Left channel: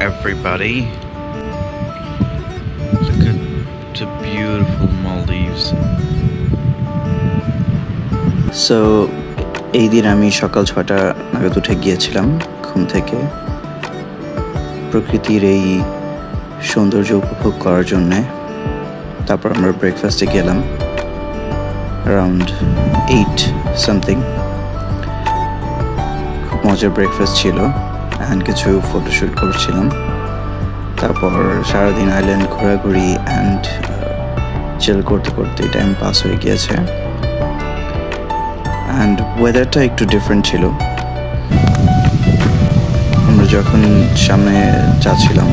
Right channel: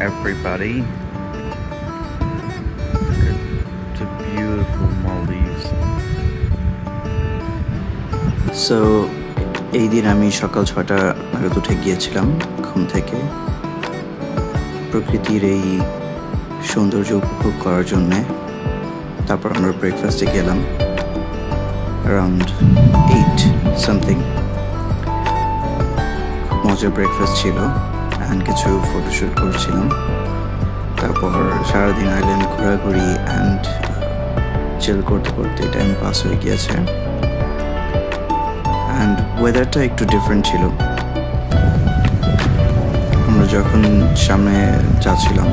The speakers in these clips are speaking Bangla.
everybody. Look at the beautiful Maldives. So এই দিন আমি সকাল 6টা নাগাদ উঠে গিয়েছিলাম ঘুম থেকে প্রকৃতির এই সৌন্দর্য উপভোগ করার জন্য। তারপর আমরা ব্রেকফাস্টে গেলাম অ্যারাউন্ড 8 সামথিং। খুব মজার ব্রেকফাস্ট ছিল অ্যান্ড কিছু ফটোশ্যুট করছিলাম। তারপর সারাদিন আইল্যান্ড ঘোরাঘুরি অ্যান্ড চিল করতে করতে টাইম পাস হয়ে গিয়েছে। অ্যান্ড ওয়েদারটা একটু ডিফারেন্ট ছিল। আমরা যখন সামনে যাচ্ছিলাম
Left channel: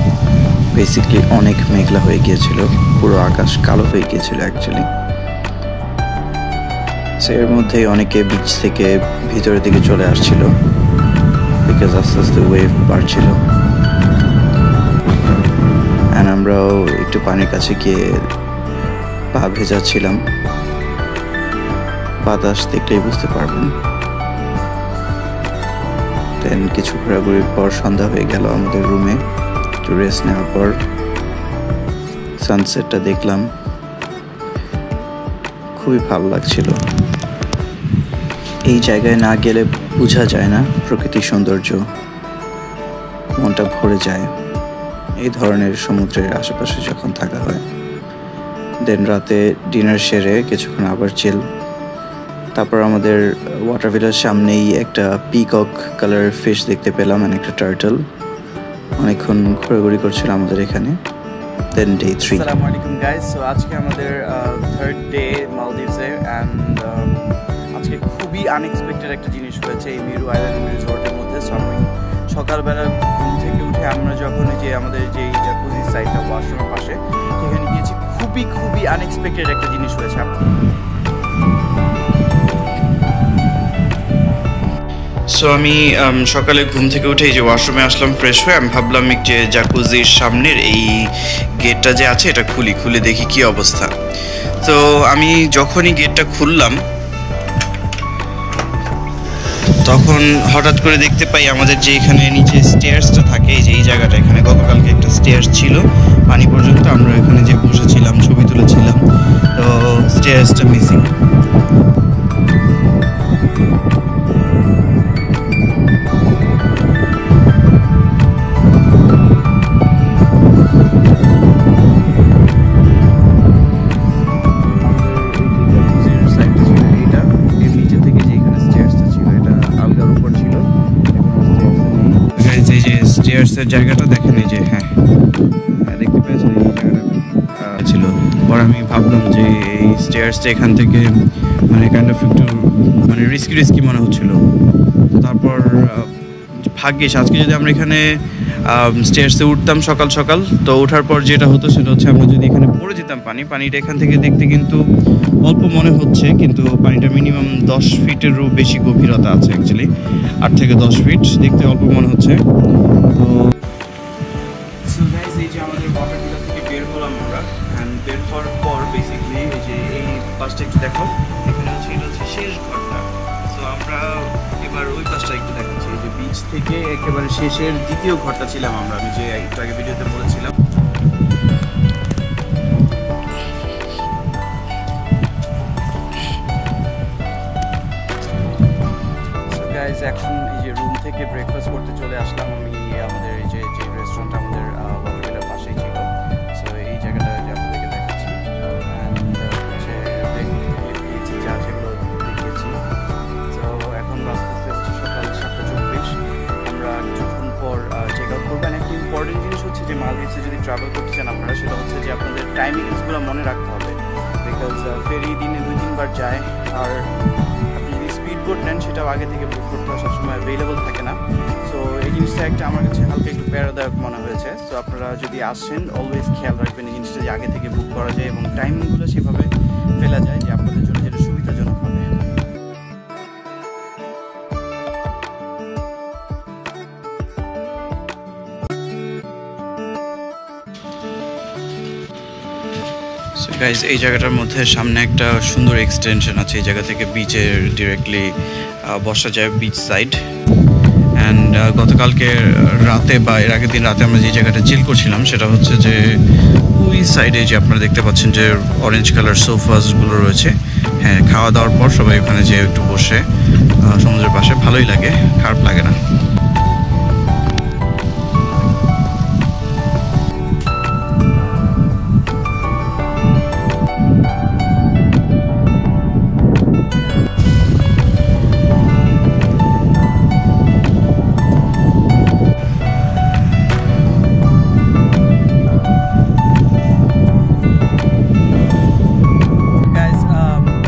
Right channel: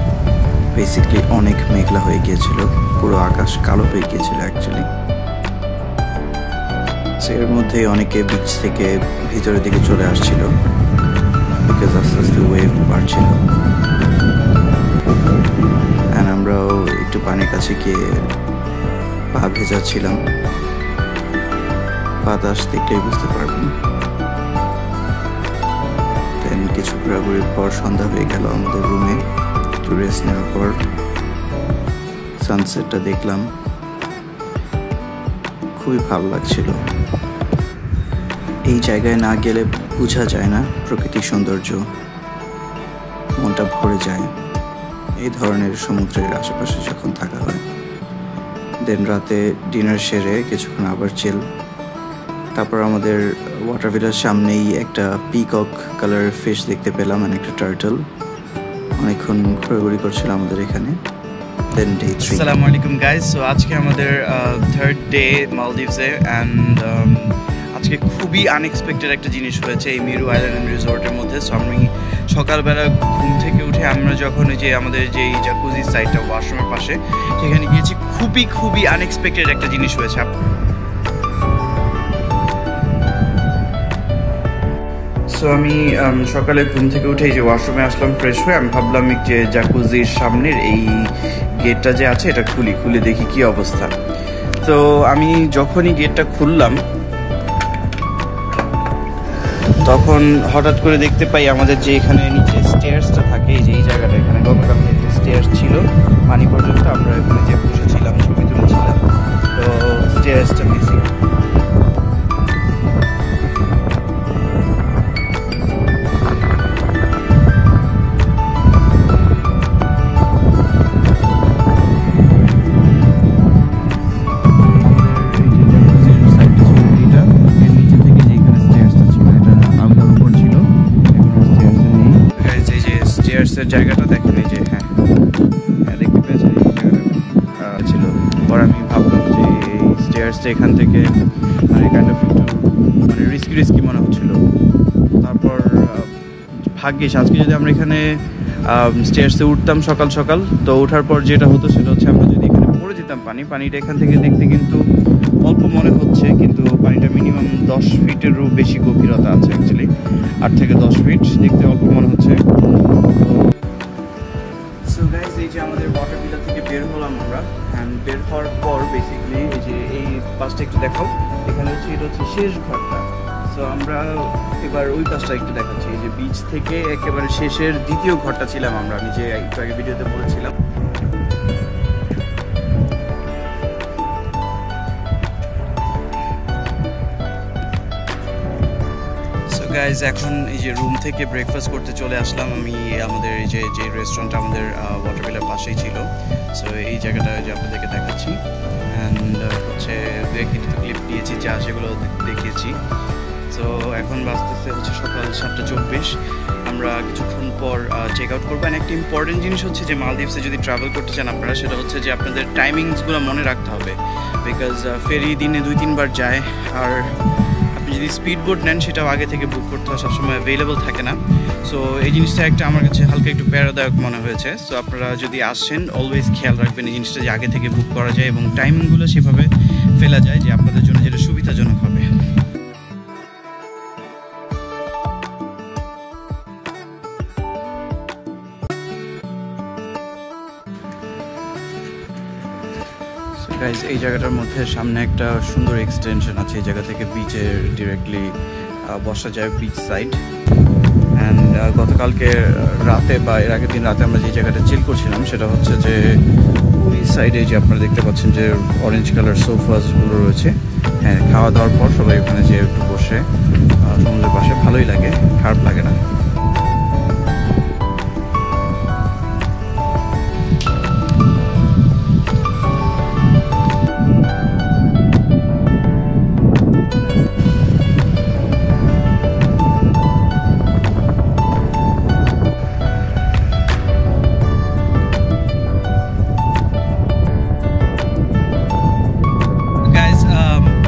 বেসিকলি অনেক মেঘলা হয়ে গিয়েছিল, পুরো আকাশ কালো হয়ে গিয়েছিল অ্যাকচুয়ালি। সো এর মধ্যে অনেকে বিচ থেকে ভিতরের দিকে চলে আসছিল বিকজ আস্তে আস্তে ওয়েভ বাড়ছিল। অ্যান্ড আমরাও একটু পানির কাছে গিয়ে পা ভেজাচ্ছিলাম। বাতাস দেখলেই বুঝতে পারবেন। দেন কিছু ঘোরাঘুরির পর সন্ধ্যা হয়ে গেল আমাদের রুমে। একটু রেস্ট নেওয়ার পর সানসেটটা দেখলাম, খুবই ভালো লাগছিল। এই জায়গায় না গেলে বোঝা যায় না প্রকৃতির সৌন্দর্য, মনটা ভরে যায় এই ধরনের সমুদ্রের আশেপাশে যখন থাকা হয়। দেন রাতে ডিনার সেরে কিছুক্ষণ আবার চিল। তারপর আমাদের ওয়াটার ভিলার সামনেই একটা পিকক কালার ফিশ দেখতে পেলাম, মানে একটা টার্টল। অনেকক্ষণ ঘোরাঘুরি করছিল আমাদের এখানে। দেন ডে 3। আসসালামু আলাইকুম গাইস। সো আজকে আমাদের থার্ড ডে মালদ্বীপসে অ্যান্ড আজকে খুবই আনএক্সপেক্টেড একটা জিনিস হয়েছে এই মিরু আইল্যান্ড রিসোর্টের মধ্যে। সো আমি সকালবেলা ঘুম থেকে উঠে আমরা যখন যে আমাদের যে জাকুজি সাইটটা ওয়াশরুমের পাশে সেখানে গিয়েছি, খুবই আনএক্সপেক্টেড একটা জিনিস হয়েছে। সো আমি সকালে ঘুম থেকে উঠে এই যে ওয়াশরুমে আসলাম ফ্রেশ হয়ে। আমি ভাবলাম যে জাকুজির সামনের এই গেটটা যে আছে এটা খুলে দেখি কি অবস্থা। তো আমি যখনই গেটটা খুললাম তখন হঠাৎ করে দেখতে পাই আমাদের যে এখানে নিচে স্টেয়ার্সটা থাকে, এই যে এই জায়গাটা, এখানে গতকালকে একটা স্টেয়ার্স ছিল পানি পর্যন্ত। আমরা এখানে যে বসেছিলাম ছবি তুলেছিলাম, তো স্টেয়ার্সটা মিসিং। স্টেয়ার্সের জায়গাটা দেখেন, এই যে হ্যাঁ দেখতে পেয়েছেন এই জায়গাটা ছিল। পর আমি ভাবলাম যে এই স্টেয়ার্সটা এখান থেকে মানে কাইন্ড অফ একটু মানে রিস্কি মনে হচ্ছিল। তারপর ভাগ্যিস আজকে যদি আমরা এখানে স্টেয়ার্সে উঠতাম সকাল তো ওঠার পর যেটা হতো সেটা হচ্ছে আমরা যদি এখানে পড়ে যেতাম পানিটা এখান থেকে দেখতে কিন্তু অল্প মনে হচ্ছে, কিন্তু পানিটা মিনিমাম 10 ফিটেরও বেশি গভীরতা আছে অ্যাকচুয়ালি। 8 থেকে 10 ফিট, দেখতে অল্প মনে হচ্ছে। তো সো গাইস, এই যে আমাদের ওয়াটার ভিলা থেকে বের হলাম আমরা। অ্যান্ড বের হওয়ার পর বেসিক্যালি এই যে এই পাশটা একটু দেখাও, এখানে হচ্ছে শেষ ঘরটা। তো আমরা এবার ওই পাশটা একটু দেখাচ্ছি, এই যে বিচ থেকে একেবারে শেষের দ্বিতীয় ঘরটা ছিলাম আমরা, আমি যে একটু আগে ভিডিওতে বলেছিলাম। গাইজ এখন এই যে রুম থেকে ব্রেকফাস্ট করতে চলে আসলাম আমি। আমাদের এই যে রেস্টুরেন্টটা আমাদের ওয়াটার ভিলার পাশেই ছিল। সো এই জায়গাটা যে আপনাদেরকে দেখাচ্ছি। অ্যান্ড হচ্ছে কিছু ক্লিপ দিয়েছি যা সেগুলো দেখিয়েছি। সো এখন বাজতেছে হচ্ছে সকাল 7:24। আমরা কিছুক্ষণ পর চেক আউট করবো। একটা ইম্পর্টেন্ট জিনিস হচ্ছে যে মালদ্বীপসে যদি ট্রাভেল করতে চান আপনারা, সেটা হচ্ছে যে আপনাদের টাইমিংসগুলো মনে রাখতে হবে। বিকজ ফেরি দিনে 2-3 বার যায়, আর যদি স্পিড বোট নেন সেটাও আগে থেকে বুক করতে হয়, সবসময় অ্যাভেলেবল থাকে না। সো এই জিনিসটা একটা আমার কাছে হালকা একটু প্যারাদায়ক মনে হয়েছে। সো আপনারা যদি আসেন অলওয়েজ খেয়াল রাখবেন এই জিনিসটা যে আগে থেকে বুক করা যায় এবং টাইমিংগুলো সেভাবে ফেলা যায় যে আপনাদের জন্য যেটা সুবিধাজনক হবে। গাইজ এই জায়গাটার মধ্যে সামনে একটা সুন্দর এক্সটেনশন আছে, এই জায়গা থেকে বিচের ডিরেক্টলি বসা যায় বিচ সাইড। অ্যান্ড গতকালকে রাতে বা এর আগের দিন রাতে আমরা যে জায়গাটা চিল করছিলাম সেটা হচ্ছে যে ওই সাইডে যে আপনারা দেখতে পাচ্ছেন যে অরেঞ্জ কালার সোফাসগুলো রয়েছে। হ্যাঁ, খাওয়া দাওয়ার পর সবাই ওখানে যেয়ে একটু বসে সমুদ্রের পাশে ভালোই লাগে, খারাপ লাগে না।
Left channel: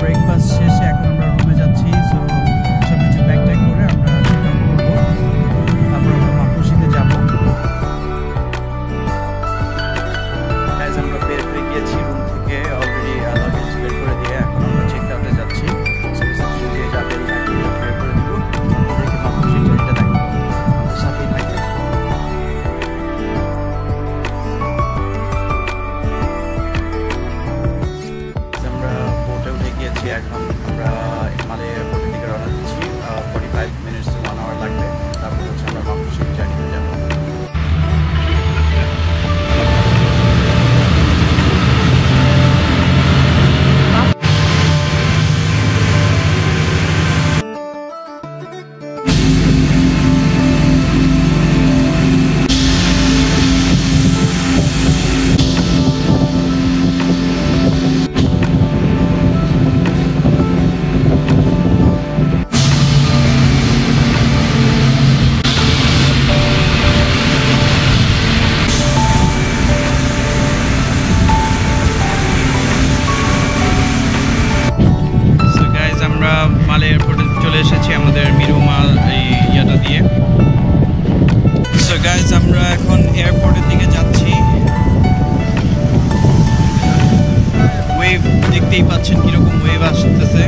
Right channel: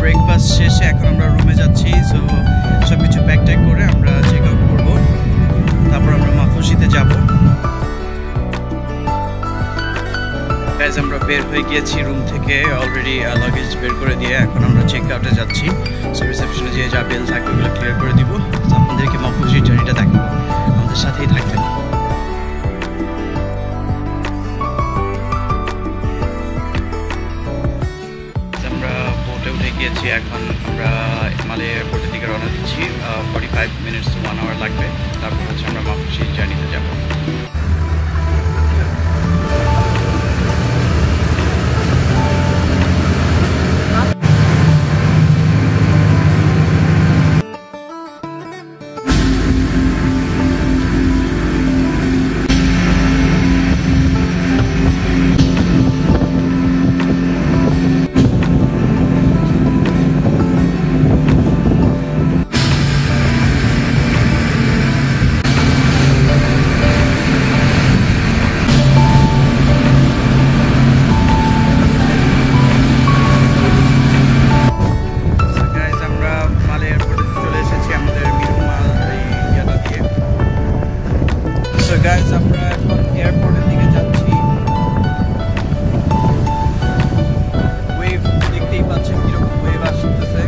ব্রেকফাস্ট শেষে এখন আমরা রুমে যাচ্ছি। সো সব কিছু প্যাক ট্যাক করে আমরা চেক আউট করবো, তারপর আমরা মাফুসিতে যাব। গাইজ আমরা বের হয়ে গিয়েছি রুম থেকে, অলরেডি লাগেজ বের করে দিয়ে এখন আমরা চেক আউটে যাচ্ছি। সো রিসেপশনে যে যা বিল থাকবে ওগুলো ক্লিয়ার করে দিব। আপনাদেরকে মাফুসির জার্নিটা দেখাবো, আমাদের সাথেই থাকবেন। এখন আমরা মালে এয়ারপোর্টের দিকে রওনা দিচ্ছি। 45 মিনিটস টু 1 আওয়ার লাগবে, তারপর হচ্ছে আমরা মাফুসি জার্নিতে যাব। এয়ারপোর্টে চলে এসেছি আমাদের মিরুমা এই ইয়াটা দিয়ে। সো গাইজ আমরা এখন এয়ারপোর্টের দিকে যাচ্ছি। ওয়েভ দেখতেই পাচ্ছেন কিরকম ওয়েভ আসতেছে।